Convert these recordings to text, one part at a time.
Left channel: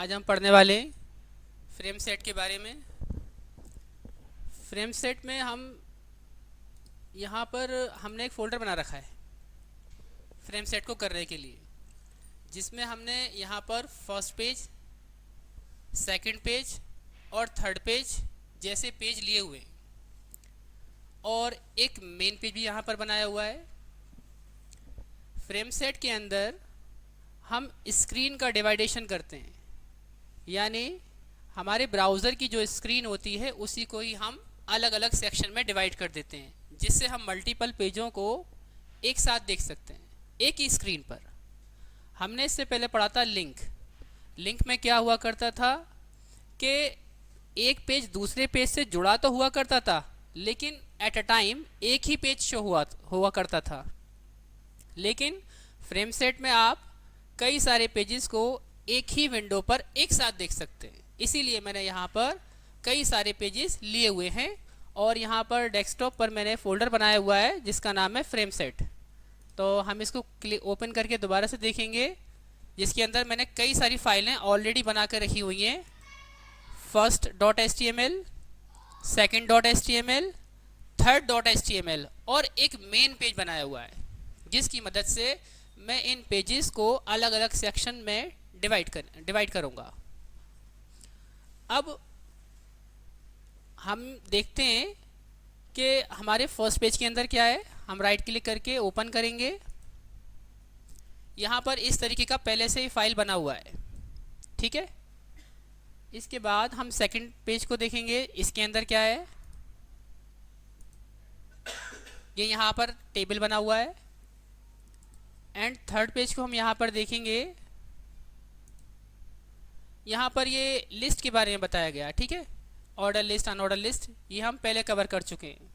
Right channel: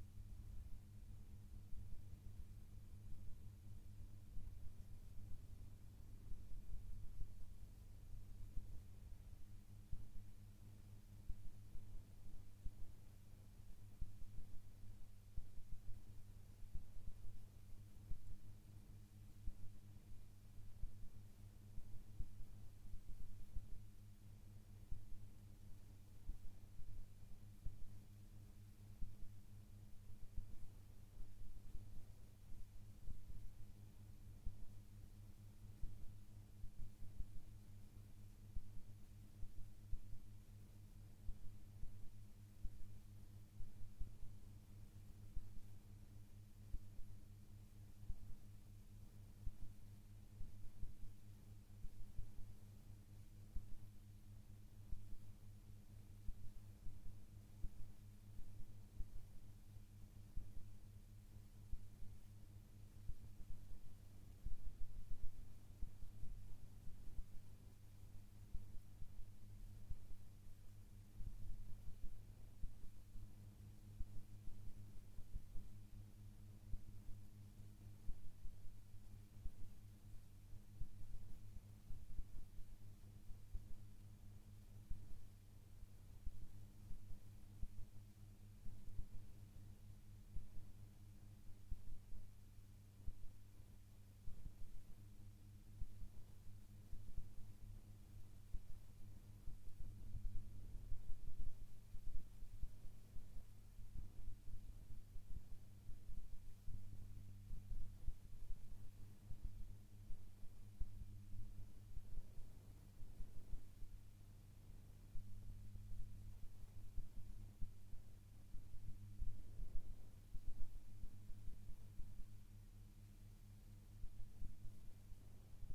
आज हम पढ़ने वाले हैं फ्रेम सेट के बारे में। फ्रेम सेट में हम यहाँ पर हमने एक फ़ोल्डर बना रखा है फ्रेम सेट को करने के लिए, जिसमें हमने यहाँ पर फर्स्ट पेज, सेकंड पेज और थर्ड पेज जैसे पेज लिए हुए हैं और एक मेन पेज भी यहाँ पर बनाया हुआ है। फ्रेम सेट के अंदर हम स्क्रीन का डिवाइडेशन करते हैं, यानी हमारे ब्राउज़र की जो स्क्रीन होती है उसी को ही हम अलग अलग सेक्शन में डिवाइड कर देते हैं, जिससे हम मल्टीपल पेजों को एक साथ देख सकते हैं एक ही स्क्रीन पर। हमने इससे पहले पढ़ा था लिंक। लिंक में क्या हुआ करता था कि एक पेज दूसरे पेज से जुड़ा तो हुआ करता था, लेकिन एट अ टाइम एक ही पेज शो हुआ करता था। लेकिन फ्रेम सेट में आप कई सारे पेजेस को एक ही विंडो पर एक साथ देख सकते हैं। इसीलिए मैंने यहाँ पर कई सारे पेजेस लिए हुए हैं और यहाँ पर डेस्कटॉप पर मैंने फ़ोल्डर बनाया हुआ है जिसका नाम है फ्रेम सेट। तो हम इसको ओपन करके दोबारा से देखेंगे, जिसके अंदर मैंने कई सारी फाइलें ऑलरेडी बना कर रखी हुई हैं। First .html, second .html, third .html और एक मेन पेज बनाया हुआ है, जिसकी मदद से मैं इन पेजेस को अलग अलग सेक्शन में डिवाइड करूँगा। अब हम देखते हैं कि हमारे फर्स्ट पेज के अंदर क्या है। हम राइट क्लिक करके ओपन करेंगे। यहाँ पर इस तरीके का पहले से ही फाइल बना हुआ है, ठीक है। इसके बाद हम सेकंड पेज को देखेंगे, इसके अंदर क्या है। ये यहाँ पर टेबल बना हुआ है। एंड थर्ड पेज को हम यहाँ पर देखेंगे, यहाँ पर ये लिस्ट के बारे में बताया गया, ठीक है। ऑर्डर लिस्ट, अनऑर्डर लिस्ट, ये हम पहले कवर कर चुके हैं।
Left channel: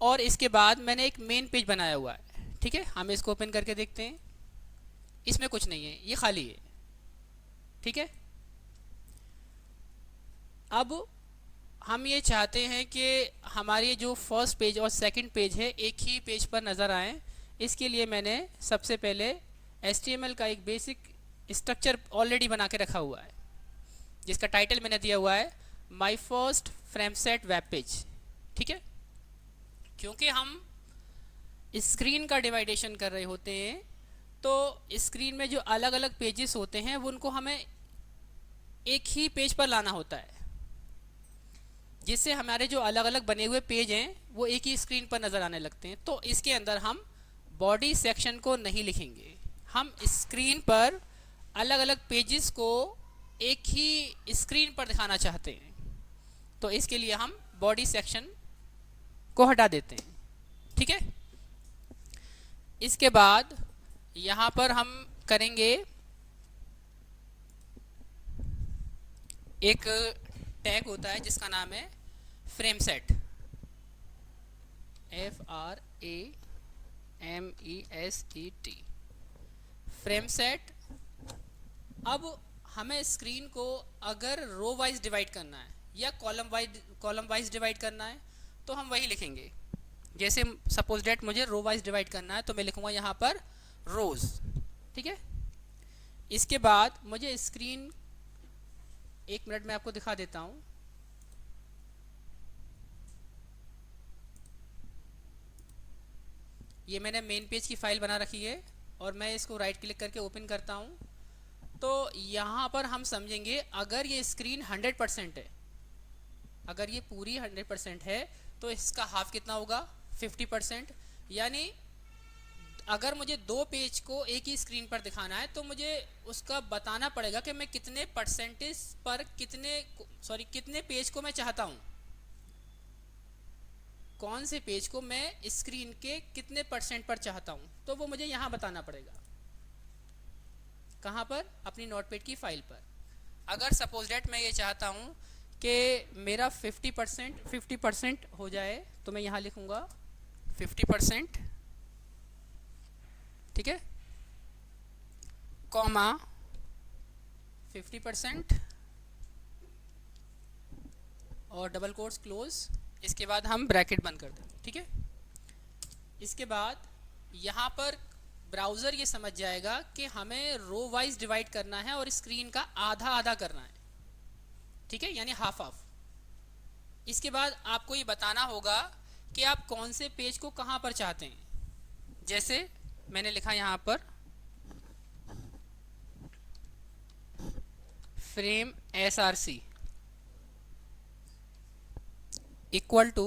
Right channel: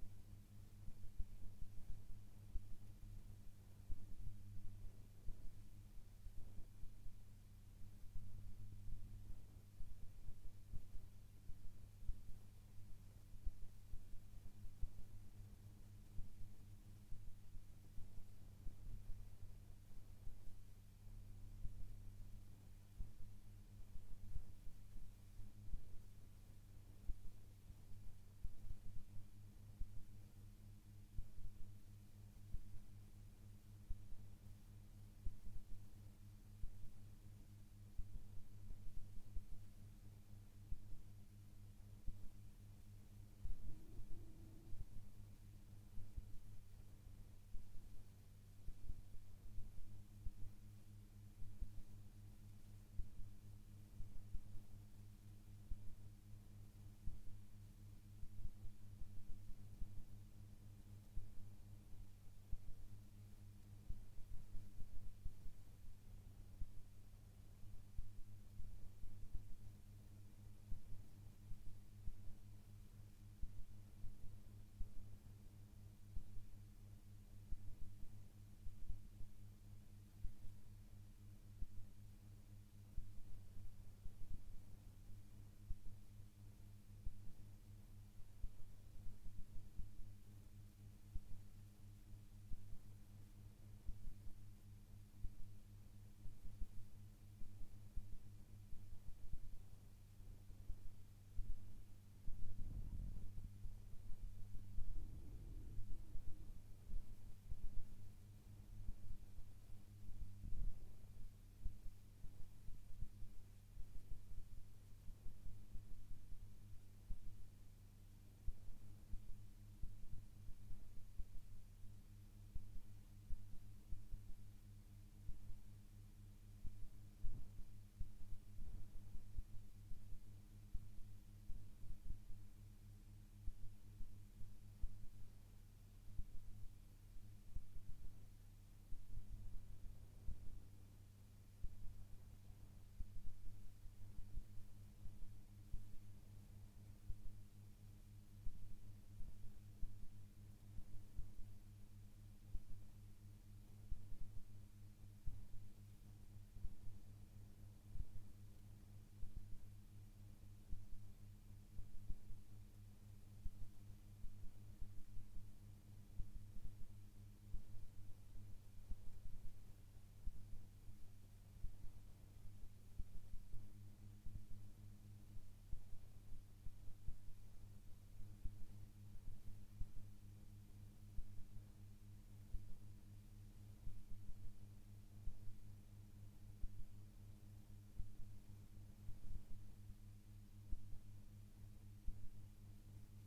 और इसके बाद मैंने एक मेन पेज बनाया हुआ है, ठीक है। हम इसको ओपन करके देखते हैं। इसमें कुछ नहीं है, ये खाली है, ठीक है। अब हम ये चाहते हैं कि हमारी जो फर्स्ट पेज और सेकंड पेज है एक ही पेज पर नज़र आए। इसके लिए मैंने सबसे पहले HTML का एक बेसिक स्ट्रक्चर ऑलरेडी बना के रखा हुआ है, जिसका टाइटल मैंने दिया हुआ है my first frame set web page, ठीक है। क्योंकि हम स्क्रीन का डिवाइडेशन कर रहे होते हैं, तो स्क्रीन में जो अलग अलग पेजेस होते हैं वो उनको हमें एक ही पेज पर लाना होता है, जिससे हमारे जो अलग अलग बने हुए पेज हैं वो एक ही स्क्रीन पर नज़र आने लगते हैं। तो इसके अंदर हम बॉडी सेक्शन को नहीं लिखेंगे, हम स्क्रीन पर अलग अलग पेजेस को एक ही स्क्रीन पर दिखाना चाहते हैं। तो इसके लिए हम बॉडी सेक्शन को हटा देते हैं, ठीक है। इसके बाद यहाँ पर हम करेंगे एक टैग होता है जिसका नाम है frame set, FRAMESET, frame set. अब हमें स्क्रीन को अगर रो वाइज डिवाइड करना है या कॉलम वाइज डिवाइड करना है तो हम वही लिखेंगे। जैसे सपोज डेट मुझे रो वाइज डिवाइड करना है तो मैं लिखूँगा यहाँ पर रोज़, ठीक है। इसके बाद मुझे स्क्रीन, एक मिनट में आपको दिखा देता हूँ। ये मैंने मेन पेज की फ़ाइल बना रखी है और मैं इसको राइट क्लिक करके ओपन करता हूँ। तो यहाँ पर हम समझेंगे अगर ये स्क्रीन 100% है, अगर ये पूरी 100% है तो इसका हाफ कितना होगा, 50%। यानी अगर मुझे दो पेज को एक ही स्क्रीन पर दिखाना है तो मुझे उसका बताना पड़ेगा कि मैं कितने परसेंटेज पर कितने पेज को मैं चाहता हूँ, कौन से पेज को मैं स्क्रीन के कितने % पर चाहता हूँ। तो वो मुझे यहाँ बताना पड़ेगा, कहाँ पर, अपनी नोटपैड की फाइल पर। अगर सपोज डेट मैं ये चाहता हूँ कि मेरा 50% हो जाए तो मैं यहाँ लिखूँगा 50%, ठीक है, कॉमा 50% और डबल कोट्स क्लोज। इसके बाद हम ब्रैकेट बंद कर दें, ठीक है। इसके बाद यहाँ पर ब्राउज़र ये समझ जाएगा कि हमें रो वाइज डिवाइड करना है और स्क्रीन का आधा आधा करना है, ठीक है, यानी हाफ हाफ। इसके बाद आपको ये बताना होगा कि आप कौन से पेज को कहाँ पर चाहते हैं। जैसे मैंने लिखा यहाँ पर frame SRC equal to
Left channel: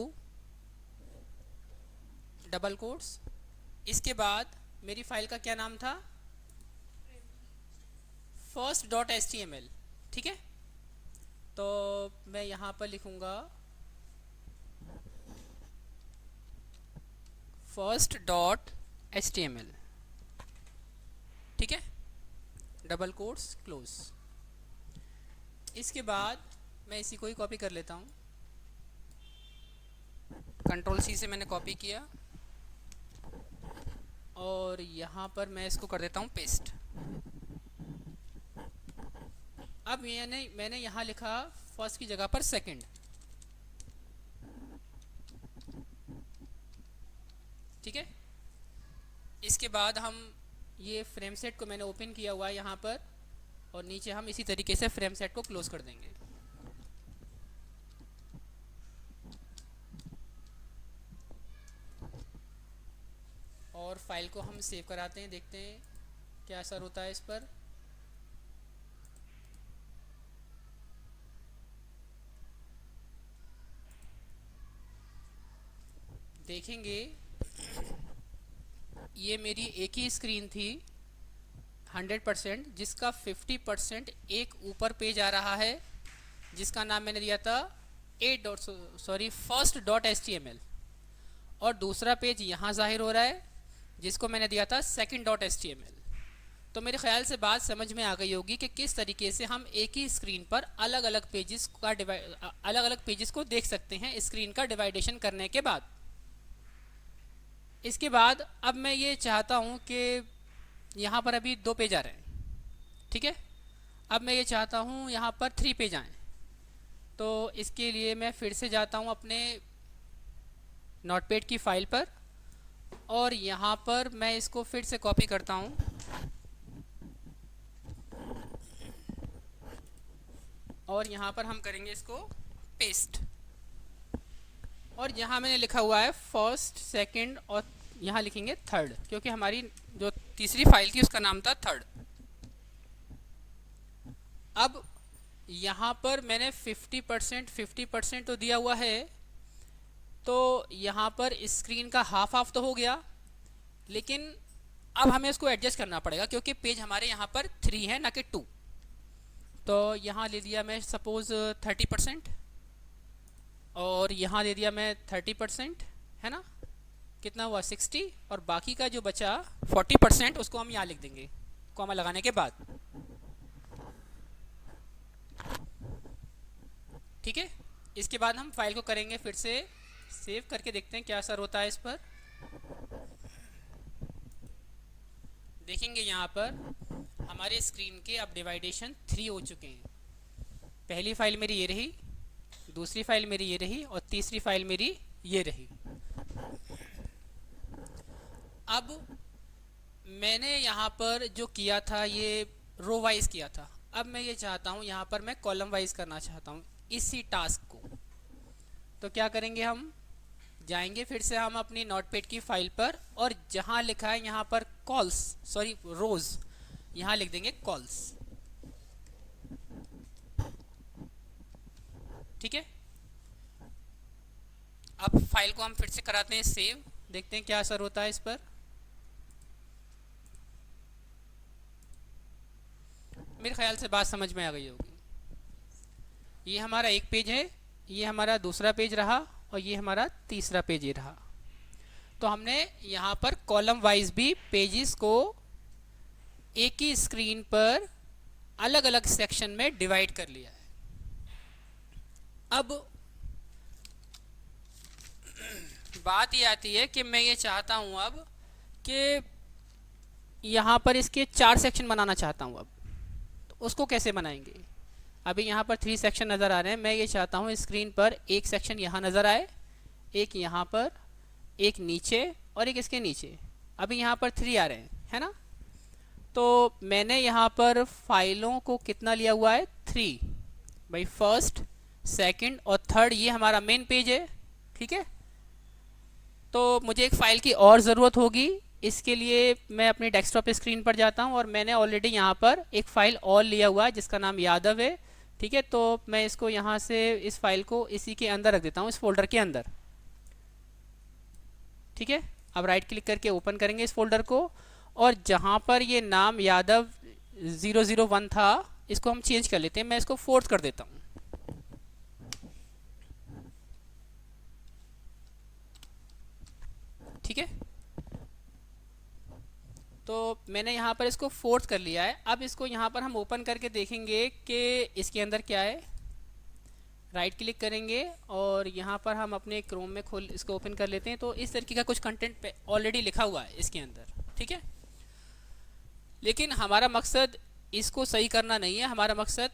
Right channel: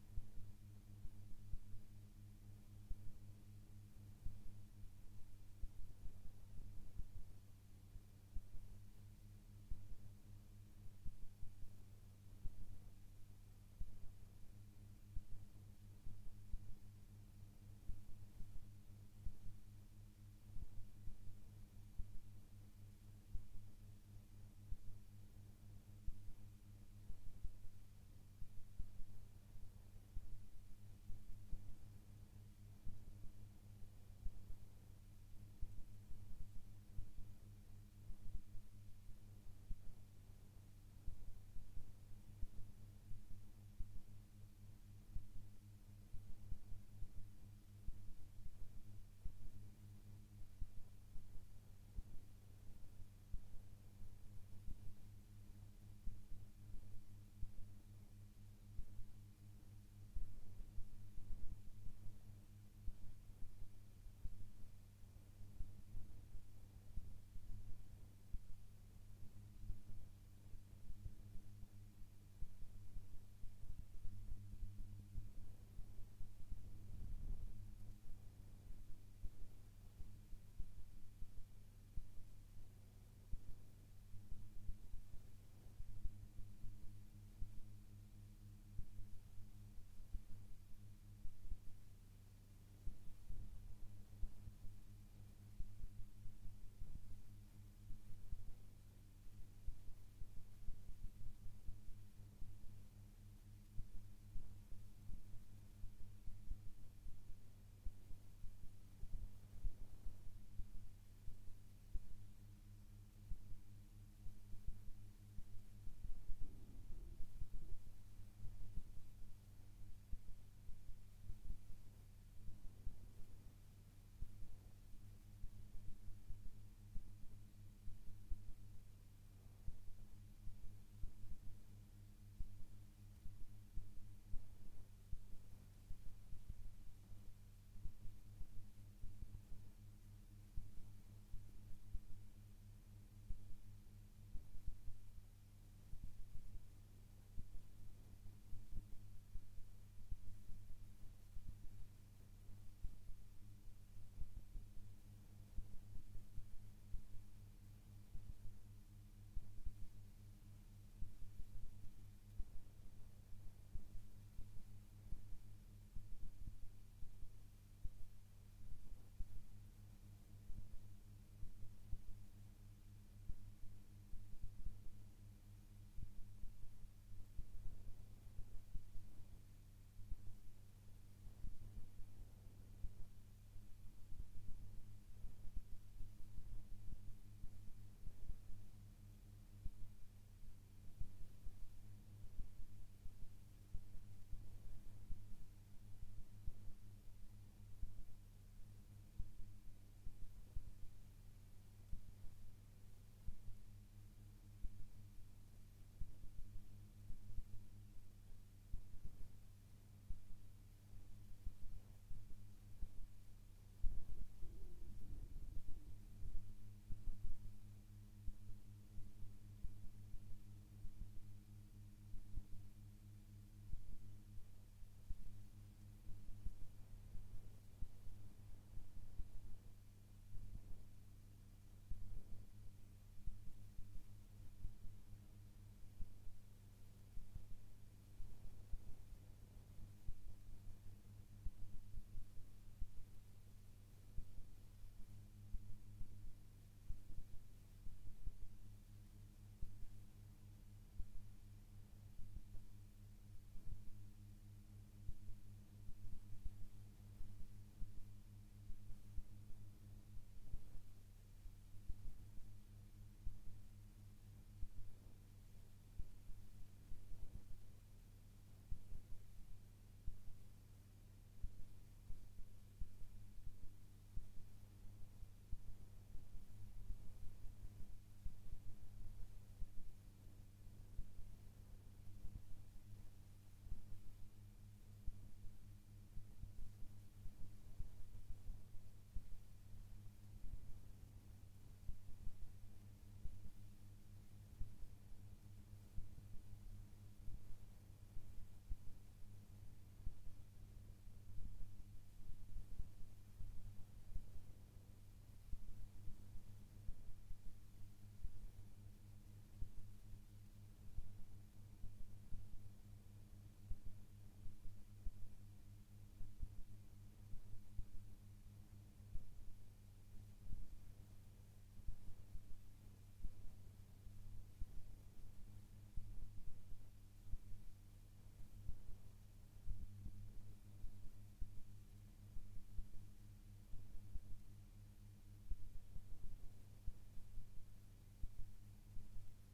double quotes. इसके बाद मेरी फाइल का क्या नाम था, first.html, ठीक है। तो मैं यहाँ पर लिखूँगा first.html, ठीक है, डबल कोट्स क्लोज। इसके बाद मैं इसी को ही कॉपी कर लेता हूँ, Ctrl+C से मैंने कॉपी किया और यहाँ पर मैं इसको कर देता हूँ पेस्ट। अब मैंने यहाँ लिखा फर्स्ट की जगह पर सेकंड, ठीक है। इसके बाद हम ये फ्रेम सेट को मैंने ओपन किया हुआ है यहाँ पर, और नीचे हम इसी तरीके से फ्रेम सेट को क्लोज कर देंगे। और फाइल को हम सेव कराते हैं, देखते हैं क्या असर होता है इस पर। देखेंगे ये मेरी एक ही स्क्रीन थी 100%, जिसका 50% एक ऊपर पेज आ रहा है जिसका नाम मैंने दिया था first.html, और दूसरा पेज यहाँ जाहिर हो रहा है जिसको मैंने दिया था second.html। तो मेरे ख्याल से बात समझ में आ गई होगी कि किस तरीके से हम एक ही स्क्रीन पर अलग अलग पेजेस को देख सकते हैं स्क्रीन का डिवाइडेशन करने के बाद। इसके बाद अब मैं ये चाहता हूँ कि यहाँ पर अभी 2 पेज आ रहे हैं, ठीक है। अब मैं ये चाहता हूँ यहाँ पर 3 पेज आएँ। तो इसके लिए मैं फिर से जाता हूँ अपने नोटपैड की फाइल पर, और यहाँ पर मैं इसको फिर से कॉपी करता हूँ और यहाँ पर हम करेंगे इसको पेस्ट। और यहाँ मैंने लिखा हुआ है फर्स्ट, सेकंड, और यहाँ लिखेंगे थर्ड, क्योंकि हमारी जो तीसरी फाइल थी उसका नाम था थर्ड। अब यहाँ पर मैंने 50% तो दिया हुआ है, तो यहाँ पर स्क्रीन का हाफ हाफ तो हो गया, लेकिन अब हमें इसको एडजस्ट करना पड़ेगा क्योंकि पेज हमारे यहाँ पर 3 है ना कि 2। तो यहाँ ले लिया मैं सपोज़ 30%, और यहाँ दे दिया मैं 30%, है ना, कितना हुआ 60, और बाकी का जो बचा 40% उसको हम यहाँ लिख देंगे कॉमा लगाने के बाद, ठीक है। इसके बाद हम फाइल को करेंगे फिर से सेव करके, देखते हैं क्या असर होता है इस पर। देखेंगे यहाँ पर हमारे स्क्रीन के अब डिवाइडेशन 3 हो चुके हैं। पहली फाइल मेरी ये रही, दूसरी फाइल मेरी ये रही, और तीसरी फाइल मेरी ये रही। अब मैंने यहाँ पर जो किया था ये रो वाइज किया था, अब मैं ये चाहता हूँ यहाँ पर मैं कॉलम वाइज करना चाहता हूँ इसी टास्क को। तो क्या करेंगे, हम जाएंगे फिर से हम अपनी नोटपैड की फाइल पर, और जहाँ लिखा है यहाँ पर रोज, यहाँ लिख देंगे कॉल्स, ठीक है। अब फाइल को हम फिर से कराते हैं सेव, देखते हैं क्या असर होता है इस पर। मेरे ख्याल से बात समझ में आ गई होगी। ये हमारा एक पेज है, ये हमारा दूसरा पेज रहा, और ये हमारा तीसरा पेज ही रहा। तो हमने यहाँ पर कॉलम वाइज भी पेजेस को एक ही स्क्रीन पर अलग अलग सेक्शन में डिवाइड कर लिया है। अब बात ये आती है कि मैं ये चाहता हूँ अब कि यहाँ पर इसके 4 सेक्शन बनाना चाहता हूँ। अब तो उसको कैसे बनाएंगे, अभी यहाँ पर 3 सेक्शन नज़र आ रहे हैं। मैं ये चाहता हूँ स्क्रीन पर एक सेक्शन यहाँ नज़र आए, एक यहाँ पर, एक नीचे, और एक इसके नीचे। अभी यहाँ पर 3 आ रहे हैं, है ना। तो मैंने यहाँ पर फाइलों को कितना लिया हुआ है, 3 भाई। फर्स्ट, सेकंड और थर्ड ये हमारा मेन पेज है, ठीक है। तो मुझे एक फ़ाइल की और ज़रूरत होगी, इसके लिए मैं अपनी डेस्कटॉप स्क्रीन पर जाता हूँ और मैंने ऑलरेडी यहाँ पर एक फ़ाइल और लिया हुआ है जिसका नाम यादव है, ठीक है। तो मैं इसको यहाँ से इस फाइल को इसी के अंदर रख देता हूँ, इस फोल्डर के अंदर, ठीक है। अब राइट क्लिक करके ओपन करेंगे इस फोल्डर को, और जहाँ पर ये नाम यादव 001 था इसको हम चेंज कर लेते हैं। मैं इसको फोर्थ कर देता हूँ, ठीक है। तो मैंने यहाँ पर इसको फोर्थ कर लिया है। अब इसको यहाँ पर हम ओपन करके देखेंगे कि इसके अंदर क्या है। राइट क्लिक करेंगे और यहाँ पर हम अपने क्रोम में खोल इसको ओपन कर लेते हैं। तो इस तरीके का कुछ कंटेंट ऑलरेडी लिखा हुआ है इसके अंदर, ठीक है। लेकिन हमारा मकसद इसको सही करना नहीं है, हमारा मकसद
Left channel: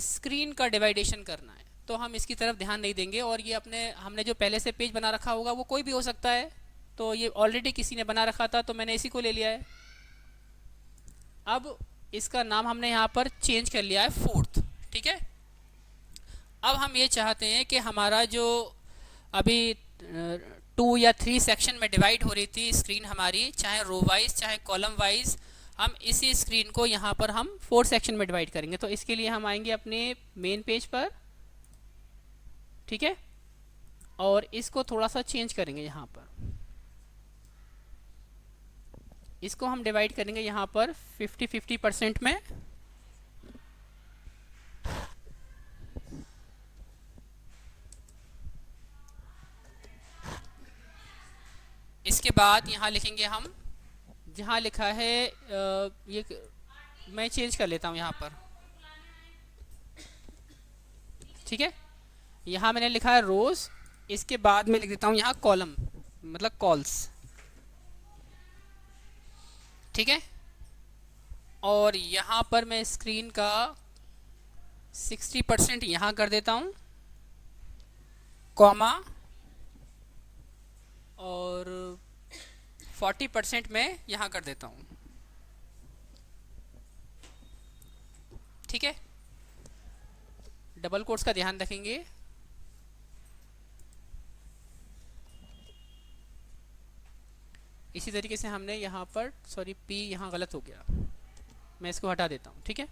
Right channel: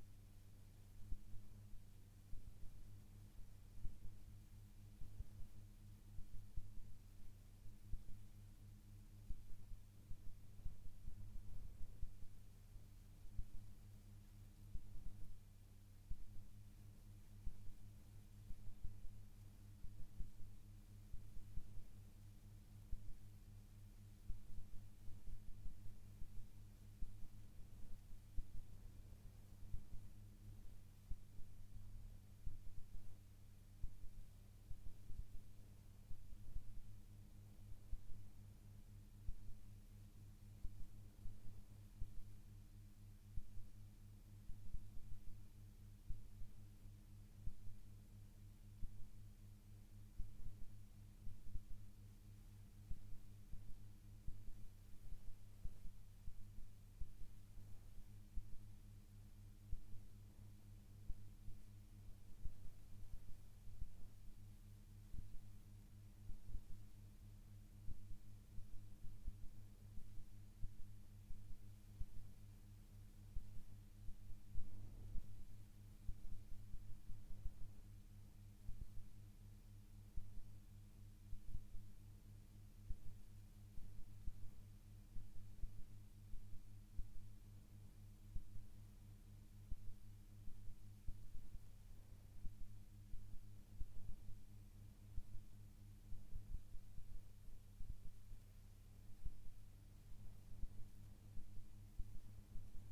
स्क्रीन का डिवाइडेशन करना है। तो हम इसकी तरफ ध्यान नहीं देंगे, और ये हमने जो पहले से पेज बना रखा होगा वो कोई भी हो सकता है। तो ये ऑलरेडी किसी ने बना रखा था तो मैंने इसी को ले लिया है। अब इसका नाम हमने यहाँ पर चेंज कर लिया है फोर्थ, ठीक है। अब हम ये चाहते हैं कि हमारा जो अभी 2 या 3 सेक्शन में डिवाइड हो रही थी स्क्रीन हमारी, चाहे रो वाइज चाहे कॉलम वाइज, हम इसी स्क्रीन को यहाँ पर हम 4 सेक्शन में डिवाइड करेंगे। तो इसके लिए हम आएंगे अपने मेन पेज पर, ठीक है, और इसको थोड़ा सा चेंज करेंगे। यहाँ पर इसको हम डिवाइड करेंगे यहाँ पर 50-50% में। इसके बाद यहाँ लिखेंगे हम, जहाँ लिखा है ये मैं चेंज कर लेता हूँ यहाँ पर, ठीक है। यहाँ मैंने लिखा है रोज, इसके बाद मैं लिख देता हूँ यहाँ कॉलम, मतलब कॉल्स, ठीक है। और यहाँ पर मैं स्क्रीन का 60% यहाँ कर देता हूँ, कॉमा, और 40% मैं यहाँ कर देता हूँ, ठीक है। डबल कोट्स का ध्यान रखेंगे। इसी तरीके से हमने यहाँ पर, सॉरी पी यहाँ गलत हो गया, मैं इसको हटा देता हूँ, ठीक है।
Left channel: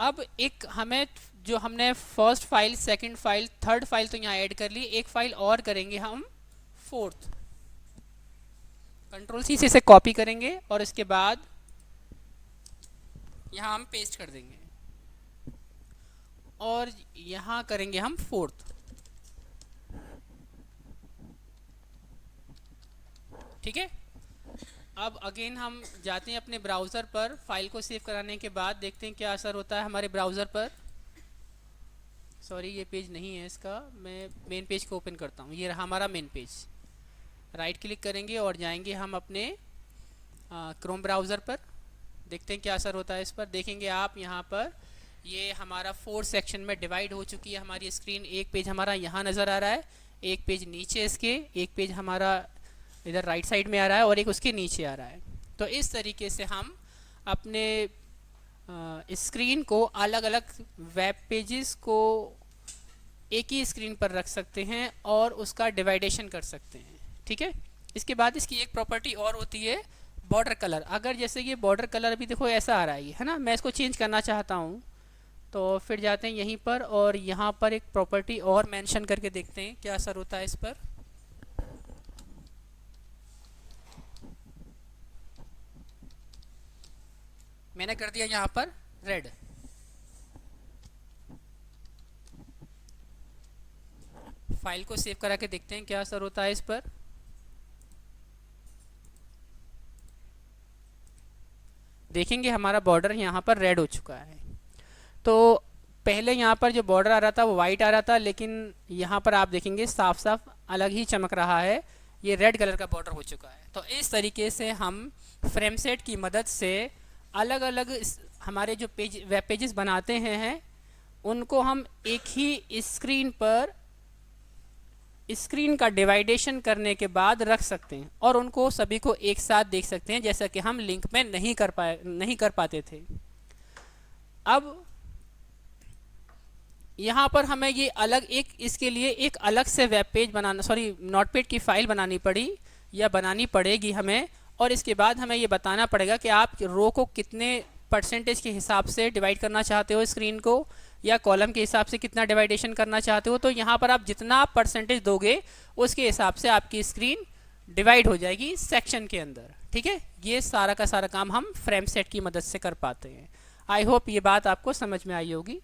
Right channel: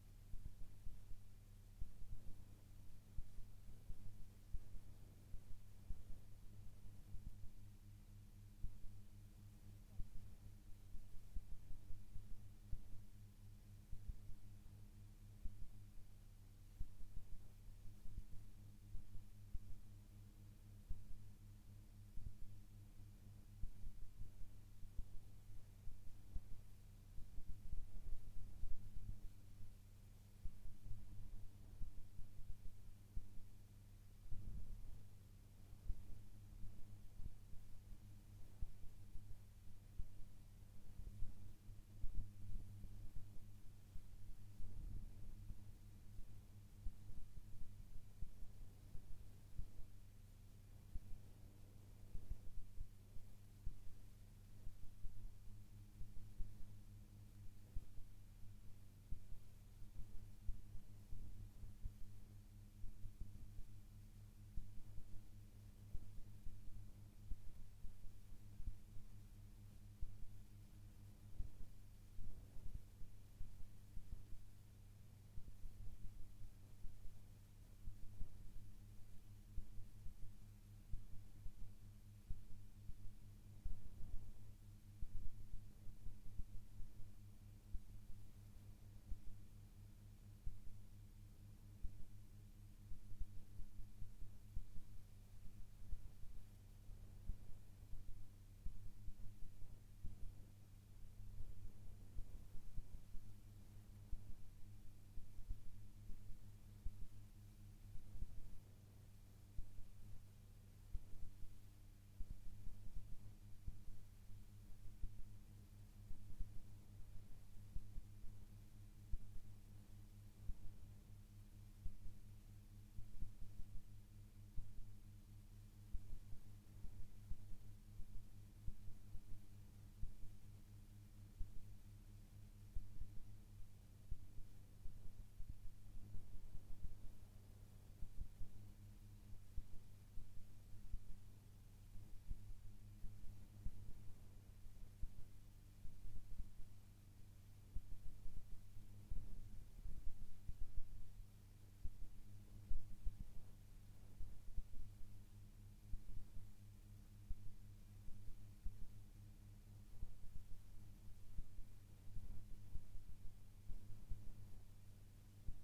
अब एक हमें जो हमने first file, second file, third file तो यहाँ ऐड कर ली, एक फाइल और करेंगे हम फोर्थ। कंट्रोल सी से इसे कॉपी करेंगे और इसके बाद यहाँ हम पेस्ट कर देंगे और यहाँ करेंगे हम फोर्थ, ठीक है। अब अगेन हम जाते हैं अपने ब्राउज़र पर, फाइल को सेव कराने के बाद देखते हैं क्या असर होता है हमारे ब्राउज़र पर। सॉरी ये पेज नहीं है इसका, मैं मेन पेज को ओपन करता हूँ। ये रहा हमारा मेन पेज। राइट क्लिक करेंगे और जाएंगे हम अपने क्रोम ब्राउज़र पर, देखते हैं क्या असर होता है इस पर। देखेंगे आप यहाँ पर ये हमारा 4 सेक्शन में डिवाइड हो चुकी है हमारी स्क्रीन। एक पेज हमारा यहाँ नज़र आ रहा है, एक पेज नीचे इसके, एक पेज हमारा इधर राइट साइड में आ रहा है और एक उसके नीचे आ रहा है। तो इस तरीके से हम अपने स्क्रीन को, अलग अलग वेब पेजेस को एक ही स्क्रीन पर रख सकते हैं और उसका डिवाइडेशन कर सकते हैं, ठीक है। इसके बाद इसकी एक प्रॉपर्टी और होती है, बॉर्डर कलर। अगर जैसे ये बॉर्डर कलर अभी देखो ऐसा आ रहा है ना, मैं इसको चेंज करना चाहता हूँ, तो फिर जाते हैं यहीं पर और यहाँ पर एक प्रॉपर्टी और मेंशन करके देखते हैं क्या असर होता है इस पर। मैंने कर दिया यहाँ पर रेड। फाइल को सेव करा के देखते हैं क्या असर होता है इस पर। देखेंगे हमारा बॉर्डर यहाँ पर रेड हो चुका है। तो पहले यहाँ पर जो बॉर्डर आ रहा था वो वाइट आ रहा था, लेकिन यहाँ पर आप देखेंगे साफ साफ अलग ही चमक रहा है, ये रेड कलर का बॉर्डर हो चुका है। तो इस तरीके से हम फ्रेमसेट की मदद से अलग अलग हमारे जो वेब पेजेस बनाते हैं उनको हम एक ही स्क्रीन पर स्क्रीन का डिवाइडेशन करने के बाद रख सकते हैं और उनको सभी को एक साथ देख सकते हैं, जैसा कि हम लिंक में नहीं कर पाते थे। अब यहाँ पर हमें ये अलग इसके लिए एक अलग से वेब पेज बनाना, सॉरी नोटपैड की फाइल बनानी पड़ी या बनानी पड़ेगी हमें। और इसके बाद हमें ये बताना पड़ेगा कि आप रो को कितने परसेंटेज के हिसाब से डिवाइड करना चाहते हो स्क्रीन को, या कॉलम के हिसाब से कितना डिवाइडेशन करना चाहते हो। तो यहाँ पर आप जितना परसेंटेज दोगे उसके हिसाब से आपकी स्क्रीन डिवाइड हो जाएगी सेक्शन के अंदर। ठीक है, ये सारा का सारा काम हम फ्रेम सेट की मदद से कर पाते हैं। आई होप ये बात आपको समझ में आई होगी।